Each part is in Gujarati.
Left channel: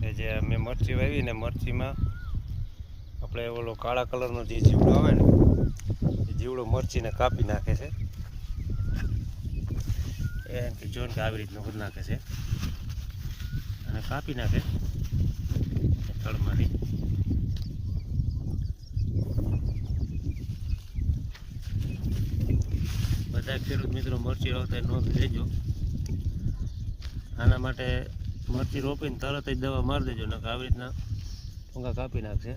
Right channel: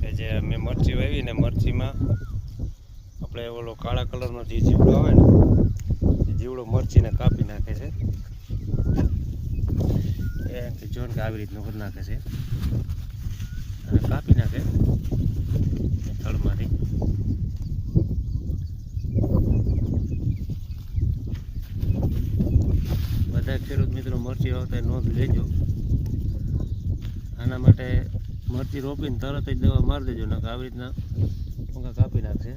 કે જે મેં મરચી વાવી ને મરચીમાં આપણે ઓલો કાળા કલરનો જે જીવડો આવે ને એ જીવડો મરચીને કાપી નાખે છે. એ જોન કે આવી રીતનું કરી નાખે છે અને કાપી નાખે થળમાંથી. બધા ખેડૂત મિત્રો મરચી વાવતા નોંધ લેજો. આના માટે મરચી રોપીને તરત જ દવા મારી દેજો, નકર આવી રીતના ટૂંકા કાપી નાખશે.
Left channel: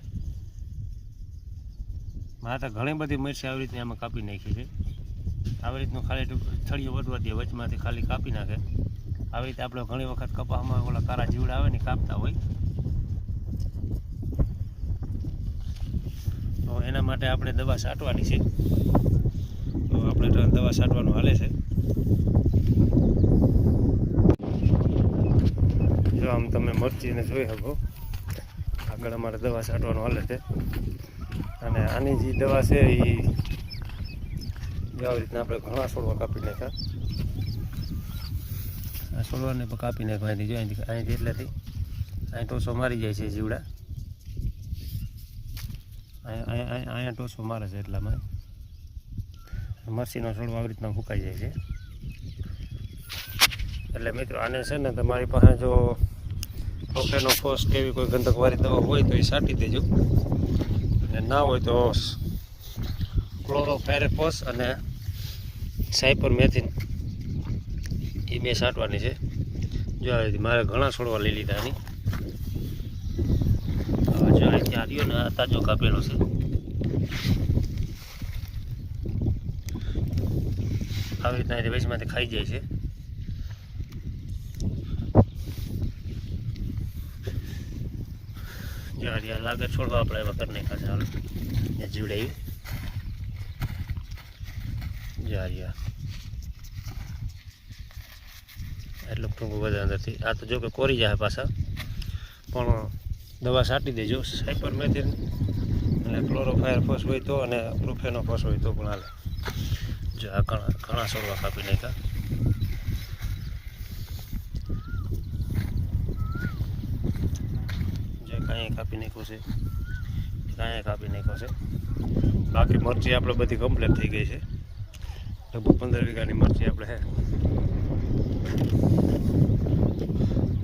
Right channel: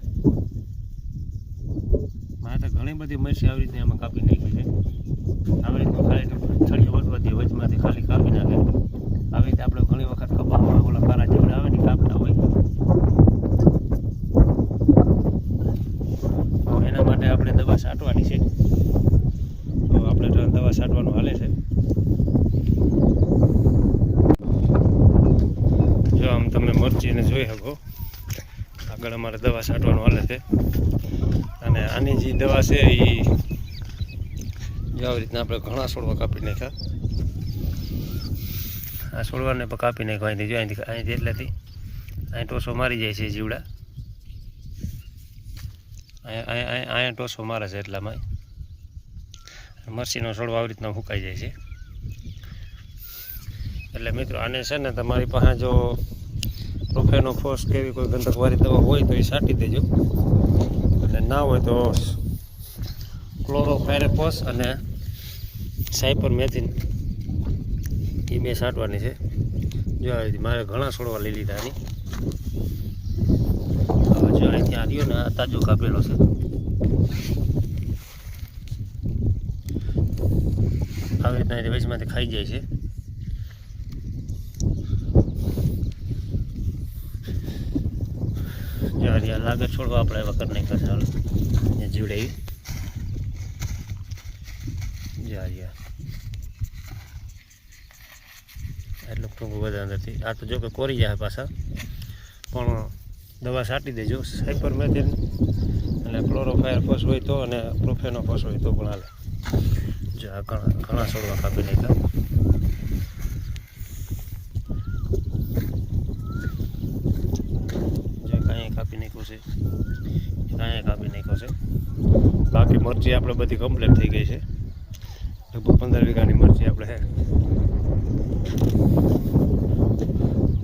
મારે તો ઘણી બધી મરચી આવી રીતની આમાં કાપી નાખી છે. આવી રીતનું ખાલી થળીઓ વટવા દે, વચમાંથી ખાલી કાપી નાખે. આવી રીતે આપણે ઘણી વખત કપાસમાં ઓલા કારા જીવડા આવે ને કાપતા હોય. એના માટે આપણે દવા છાંટવાની છે. તો આપણે દવા છાંટવાનું હાલે છે. જો આમ તમે મરચીને જોઈ શકો, આગળ અમારે દવા છાંટવાનું હાલે છે. અને આની જે દવા છે એ આવી રીતના આપણે ઘણા છોડવા કાપી નાખ્યા. આ છોડવાને પણ કાપી નાખ્યો અહીંથી. જો અહીંથી એટલેથી અહીં ટોસો મારી જાય છે જીવડા. અહીંયા ટોસો મારે છે એટલામાં મરચીનો છોડવા આવી રીતના ફૂંકાઈ જાય છે. એટલે મિત્રો આને છે ને તમારી પાસે જો પ્રોફેનો ફોસ કેવી કોઈ ગંધકવાળી દવા હોય તો એ છાંટી દેજો, અને ના હોય તો ક્લોરોફાયરેફોસ અને સાયપરમેથિન એ બે છાંટવાની છે. જો મારે ઘણા છોડવા લઈ લીધા આની. જો અહીંથી આવ્યો ને આ તાજો કાપેલો છે. આવી રીતના વચમાંથી ખાઈ જાય છે. જો હરિયા લાગે છોડવા આપણે એવા કરી નાખ્યા છે. હાલ જીવડાવી જો હરિયા એટલું ટૂંકું બધા અંદરથી. આ તો જો કે કોરી જાય પાછા, પણ દવા છાંટી દેજો. સાયપરમેથિન અને ક્લોરોફાયરેફોસ હોય તો, અને પ્રોફેનોફોસ હોય તો પણ હાલે. જો આ ઘણા છોડવા કાપી નાખ્યા. જે કાંઈ કાપી નાખ્યું છે, કાંઈ કાપી નાખ્યો છે. બાકી મરચી આપણે બધી કમ્પ્લીટ થઈ ગઈ છે. લગભગ 15 વીઘાની મરચી આપણે છે.